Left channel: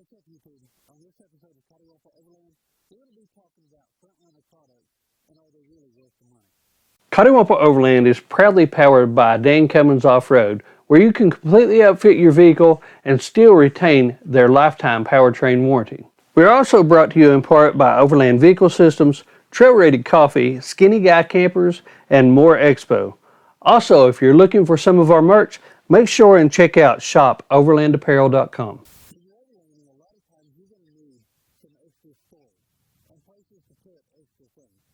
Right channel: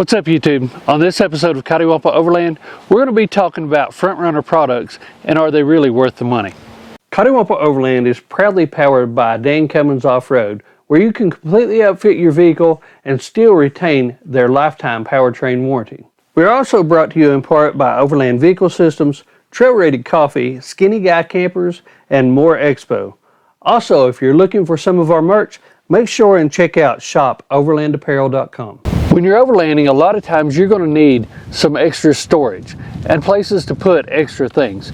What's up YouTube? On this episode of Coddiwomple Overland, we're going to be talking about Front Runner products and are they really worth the money. Coddiwomple Overland is proudly powered by Cummins Off-road, where you can completely outfit your vehicle and still retain their lifetime powertrain warranty. We're also brought to you in part by Overland Vehicle Systems, Trail Rated Coffee, Skinny Guy Campers, and more Expo. Also, if you're looking for some of our merch, make sure and check out shopoverlandapparel.com. When you're overlanding, a lot of times you're going to need some extra storage and places to put extra things.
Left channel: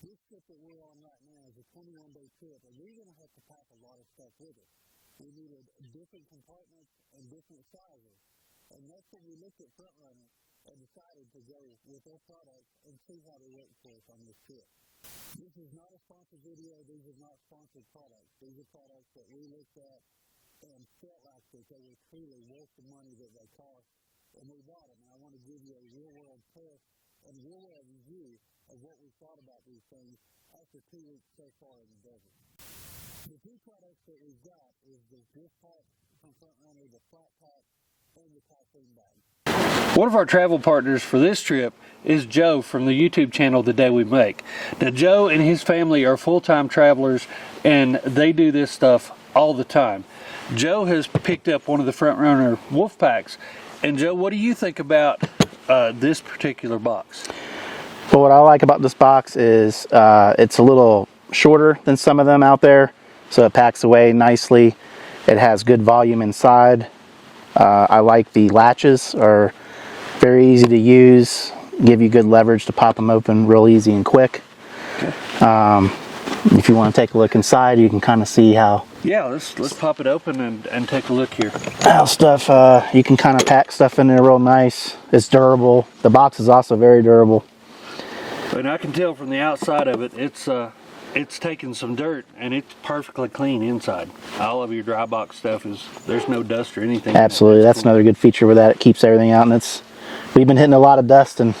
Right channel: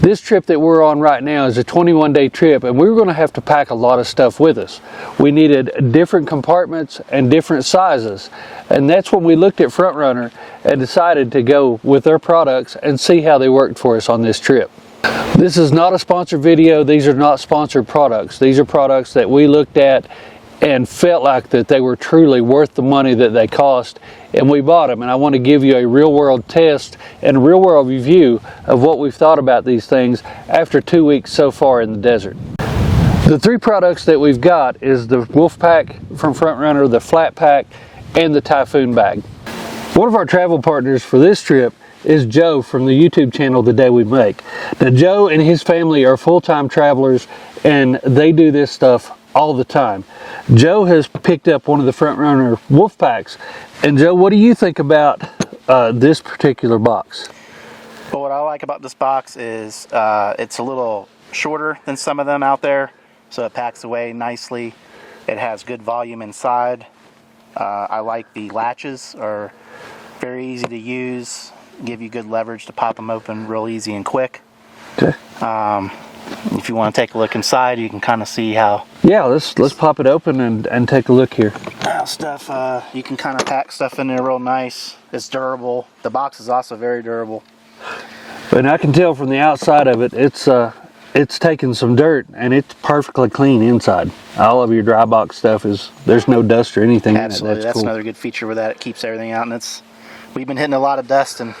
This trip that we're on right now is a 21-day trip, and we were going to have to pack a lot of stuff with us. We needed different compartments and different sizes, and that's when we looked at Front Runner and decided to go with their products and see how they worked for us on this trip. This is not a sponsored video. These are not sponsored products. These are products that we looked at and felt like that they were truly worth the money that they cost, and we bought them. And I want to give you a real world test and a real world review of what we've thought about these things after 2 weeks so far in the desert. The three products that we've got is the Wolf Pack from Front Runner, the Flat Pack, and the Typhoon Bag. One of our travel partners for this trip is Joe from the YouTube channel The Day We Make. Now Joe and his family are full-time travelers and they do this stuff all the time. Joe has picked up one of the Front Runner Wolf Packs. And Joe, what do you think about this particular box? Well, what I like about this box is it's a little shorter than some of them out there, so it packs away nicely. It has good volume inside. I like the latches, are very easy to use, give you good leverage to pop them open real easy and quick. Okay. If you want to take a look inside, you can kind of see how. Yeah, let's pop it open and take a look here. How stuff, you can kind of pack stuff in there real nice. It's durable. The box is also very durable. And I can tell from the outside of it, it's taken some dirt and it's perfectly clean inside. All of your dry box stuff there's no dust or anything. Absolutely, that's cool. Another good feature with that. It keeps everything out, and we've been hitting a lot of dust and.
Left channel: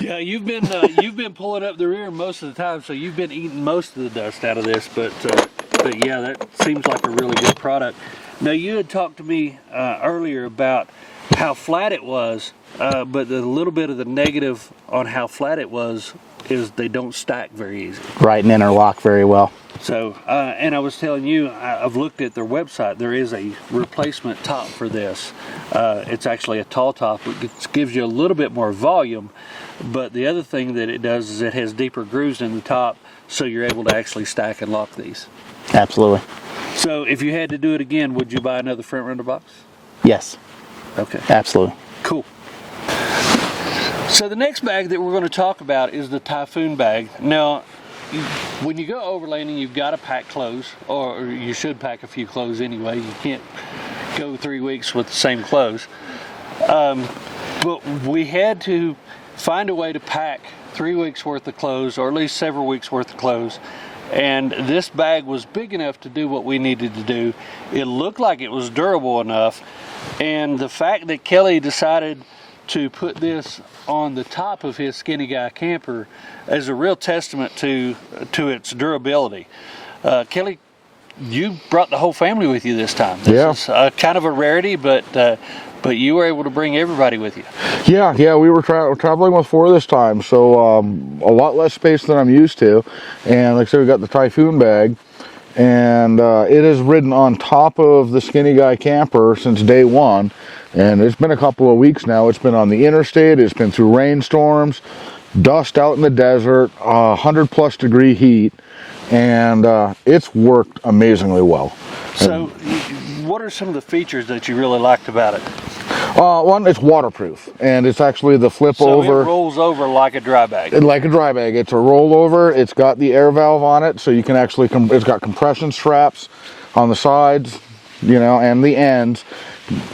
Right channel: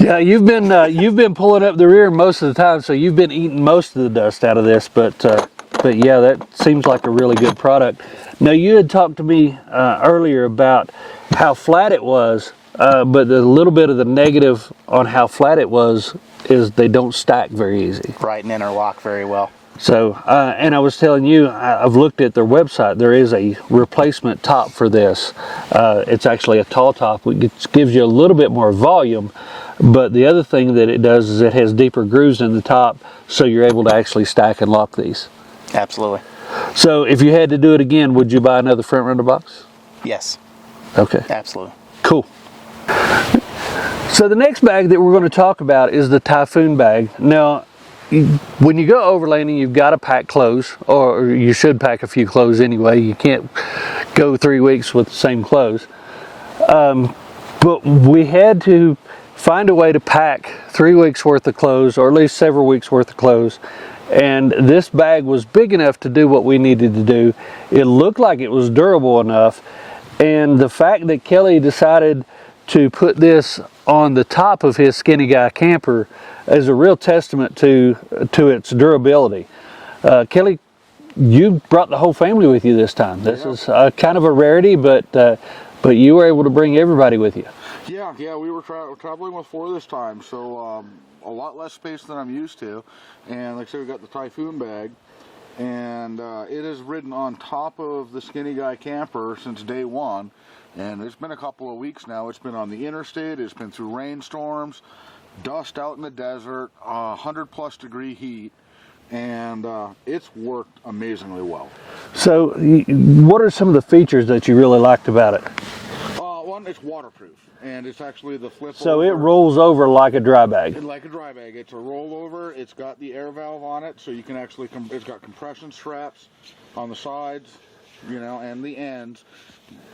Yeah, you've been pulling up the rear most of the time, so you've been eating most of the dust out of this. But yeah, that seems like a really good product. Now you had talked to me earlier about how flat it was, but the little bit of the negative on how flat it was is they don't stack very easy. Right, and interlock very well. So, and I was telling you, I've looked at their website. There is a replacement top for this. It's actually a tall top, which gives you a little bit more volume. But the other thing that it does is it has deeper grooves in the top, so you're able to actually stack and lock these. Absolutely. So if you had to do it again, would you buy another Front Runner box? Yes. Okay. Absolutely. Cool. So the next bag that we're going to talk about is the Typhoon Bag. Now, when you go overlanding, you've got to pack clothes, or you should pack a few clothes anyway. You can't go 3 weeks with the same clothes. But we had to find a way to pack 3 weeks worth of clothes, or at least several weeks worth of clothes. And this bag was big enough to do what we needed to do. It looked like it was durable enough. And the fact that Kelly decided to put this on the top of his Skinny Guy camper is a real testament to its durability. Kelly, you brought the whole family with you this time. This is kind of a rarity, but you were able to bring everybody with you. Yeah, we were traveling with 4 this time, so a lot less space than I'm used to. And like I said, we got the Typhoon Bag, and it has ridden on top of the Skinny Guy camper since day one. And it's been a couple of weeks now. It's been on the interstate, it's been through rainstorms, dust out in the desert, 100+ degree heat, and it's worked amazingly well. So what are some of the features that you really liked about it? One, it's waterproof, and it's actually the flip over. So it rolls over like a dry bag. Like a dry bag. It's a rollover. It's got the air valve on it, so you can actually, it's got compression straps on the sides, you know, and the ends.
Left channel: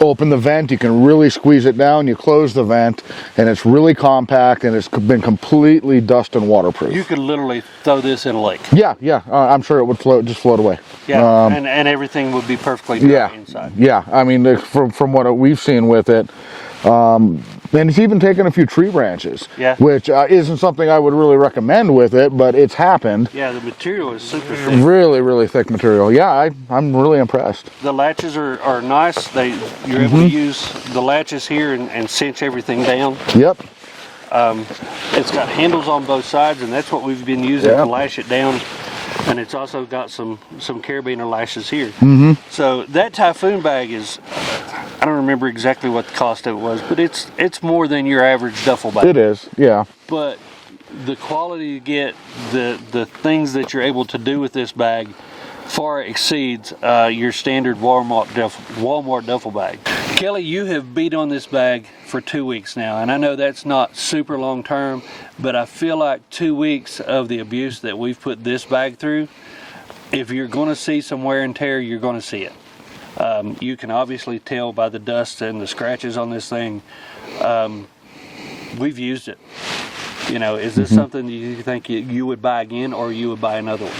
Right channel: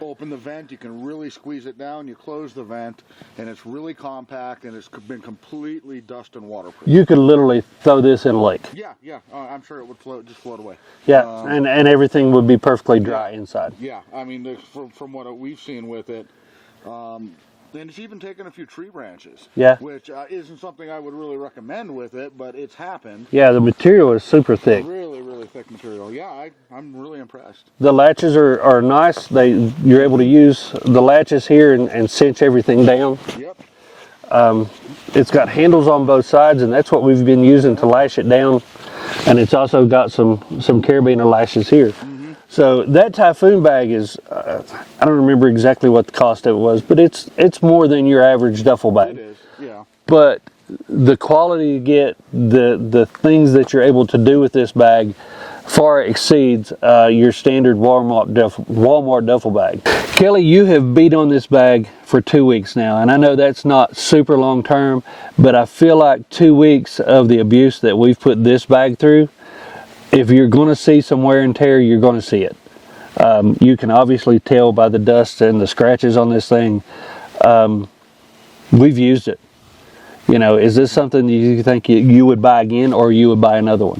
Open the vent, you can really squeeze it down, you close the vent, and it's really compact, and it's been completely dust and waterproof. You could literally throw this in a lake. Yeah, I'm sure it would just float away. Yeah, and everything would be perfectly dry inside. Yeah, I mean, from what we've seen with it, And it's even taken a few tree branches, Yeah. which isn't something I would really recommend with it, but it's happened. Yeah, the material is super thick. Really, really thick material. Yeah, I'm really impressed. The latches are nice. You're able to use the latches here and cinch everything down. Yep. It's got handles on both sides, and that's what we've been using to lash it down. And it's also got some carabiner lashes here. So that Typhoon bag is, I don't remember exactly what the cost of it was, but it's more than your average duffel bag. It is, yeah. But the quality you get, the things that you're able to do with this bag far exceeds your standard Walmart duffel bag. Kelly, you have beat on this bag for 2 weeks now, and I know that's not super long term, but I feel like 2 weeks of the abuse that we've put this bag through, if you're going to see some wear and tear, you're going to see it. You can obviously tell by the dust and the scratches on this thing. We've used it. You know, is this something you think you would buy again, or you would buy another one?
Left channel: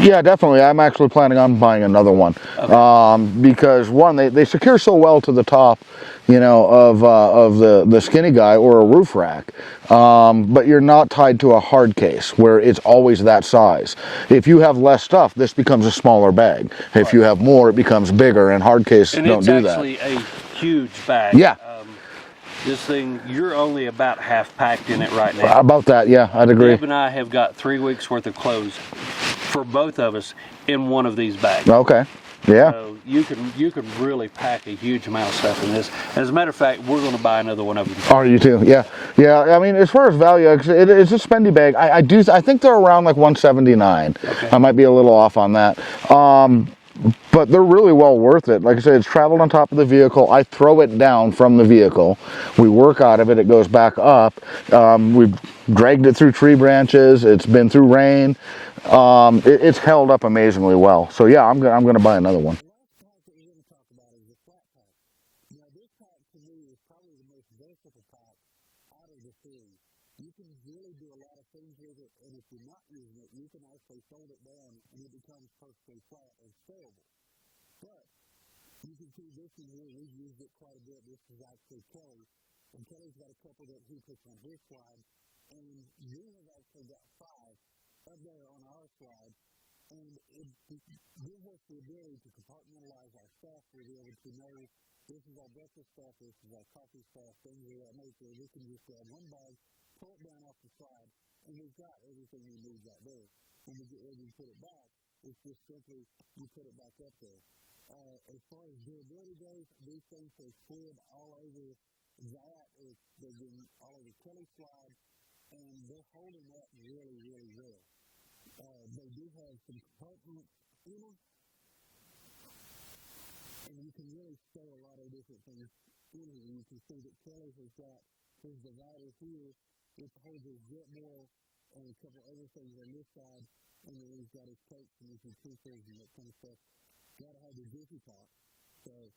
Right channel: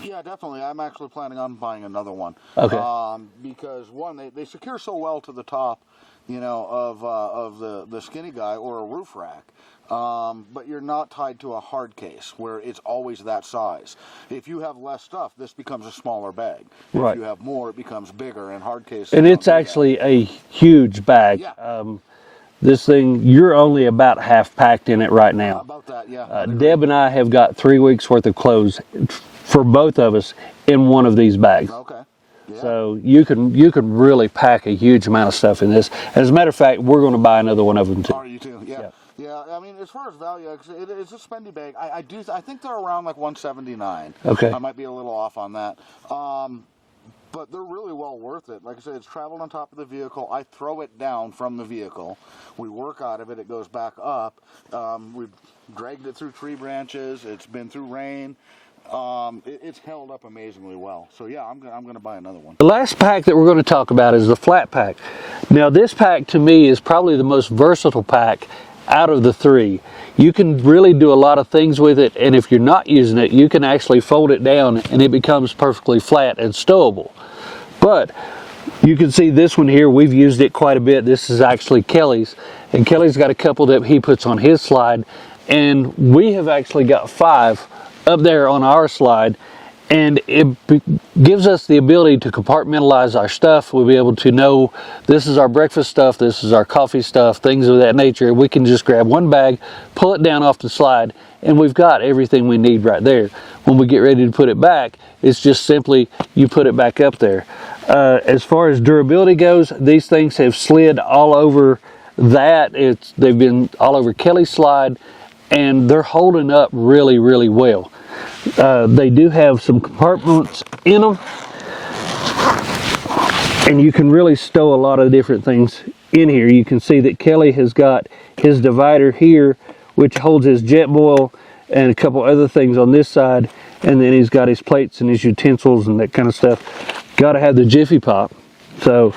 Yeah, definitely. I'm actually planning on buying another one. Okay. Because one, they secure so well to the top, you know, of the skinny guy or a roof rack. But you're not tied to a hard case where it's always that size. If you have less stuff, this becomes a smaller bag. If you have more, it becomes bigger, and hard case don't do that. And it's actually a huge bag. Yeah. This thing, you're only about half packed in it right now. About that, yeah, I'd agree. Deb and I have got 3 weeks worth of clothes for both of us in one of these bags. Okay. Yeah. So you can really pack a huge amount of stuff in this. As a matter of fact, we're going to buy another one of them. Are you too? Yeah. Yeah. I mean, as far as value, it's a spendy bag. I think they're around like $179. Okay. I might be a little off on that. But they're really well worth it. Like I said, it's traveled on top of the vehicle. I throw it down from the vehicle. We work out of it. It goes back up. We've dragged it through tree branches. It's been through rain. It's held up amazingly well. So yeah, I'm going to buy another one. The last pack that we're going to talk about is the flat pack. Now this pack to me is probably the most versatile pack out of the three. You can really do a lot of things with it, and if you're not using it, you can actually fold it down and it becomes perfectly flat and stowable. But you can see this one here, we've used it quite a bit. This is actually Kelly's, and Kelly's got a couple that he puts on his slide, and we have actually got 5 up there on our slide, and it gives us the ability to compartmentalize our stuff. We'll be able to know this is our breakfast stuff, this is our coffee stuff, things of that nature. We can just grab one bag, pull it down off the slide, and we've got everything we need right there. When we get ready to put it back, it's just simply you put it back up there. As far as durability goes, these things have slid all over that. They've been all over Kelly's slide, and they're holding up really, really well. They do have some compartments in them, and you can really stow a lot of different things in here. You can see that Kelly has got his divider here, which holds his jet boil and a couple other things on this side, and then he's got his plates and his utensils and that kind of stuff. Got to have the Jiffy Pop, so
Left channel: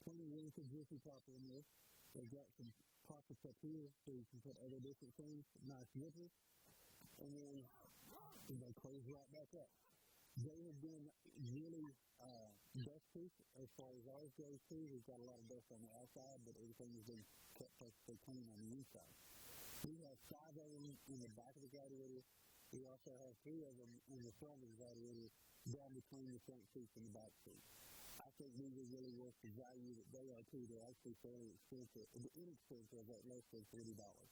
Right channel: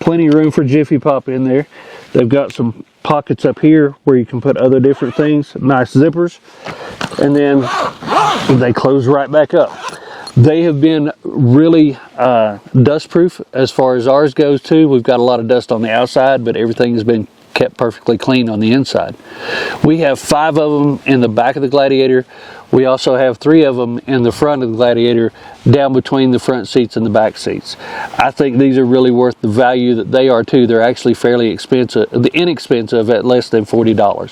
plenty of room for Jiffy Pop in there. They've got some pockets up here where you can put other different things, nice zippers, and then they close right back up. They have been really dust proof as far as ours goes too. We've got a lot of dust on the outside, but everything has been kept perfectly clean on the inside. We have 5 of them in the back of the Gladiator. We also have 3 of them in the front of the Gladiator, down between the front seats and the back seats. I think these are really worth the value that they are too. They're actually fairly inexpensive at less than $40.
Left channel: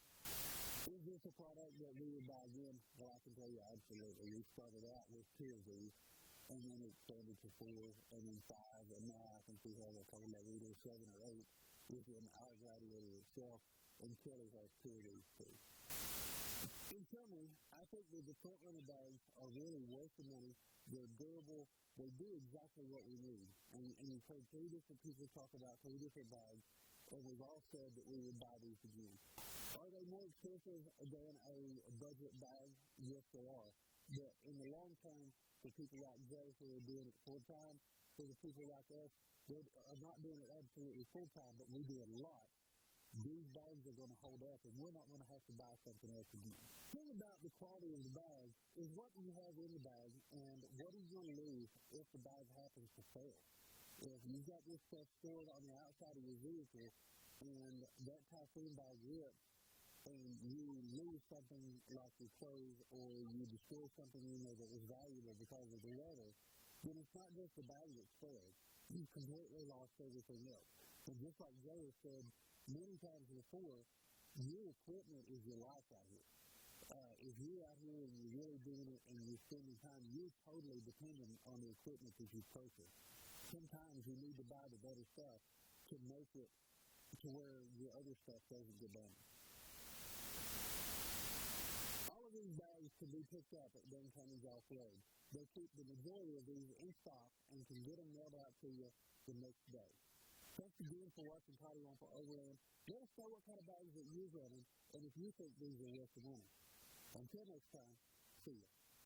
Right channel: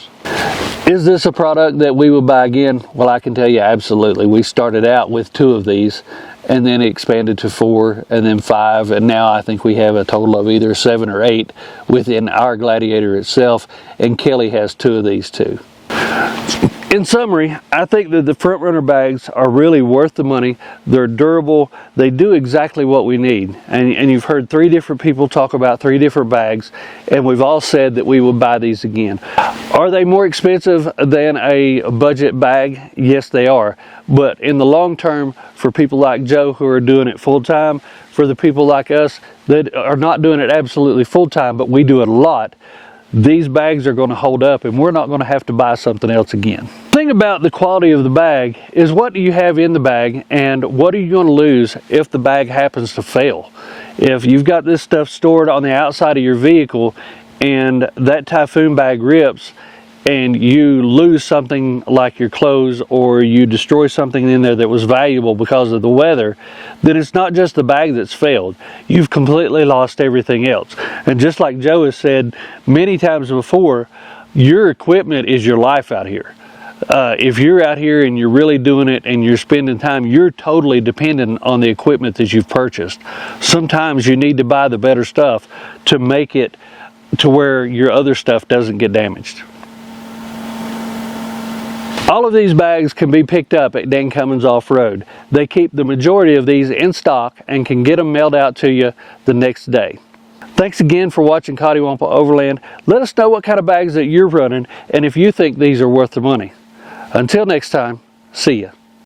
Is this a product that we would buy again? Well, I can tell you absolutely. We started out with 2 of these, and then it expanded to 4, and then 5, and now I think we have a total of either 7 or 8 within our Gladiator itself, and Kelly has 2 of these too. In summary, I think that the Front Runner bags are really worth the money. They're durable. They do exactly what we need. And you've heard 3 different people talk about 3 different bags, and we've all said that we will buy these again. Are they more expensive than a budget bag? Yes, they are. But in the long term, for people like Joe who are doing it full time, for the people like us that are not doing it absolutely full time, but we do it a lot, these bags are going to hold up, and we're not going to have to buy something else again. The thing about the quality of the bag is, what do you have in the bag, and what are you going to lose if the bag happens to fail? If you've got this stuff stored on the outside of your vehicle and that Typhoon bag rips and you lose something like your clothes, or you destroy something in there that was valuable because of the weather, then it's not just the bag that's failed. You've completely lost everything else. And just like Joe has said many times before, your equipment is your life out here. If you're out here and you're really doing it and you're spending time, you're totally dependent on the equipment that you've purchased. Sometimes you need to buy the better stuff to make it to where your other stuff doesn't get damaged. All of these bags can be picked up at Dan Cummins Off-road. They keep the majority of these in stock and can get them mailed out to you the next day. Thanks again for watching Coddiwomple Overland. Let us know what kind of bags that you're running and if you think these are worth the money. Until next time, see ya.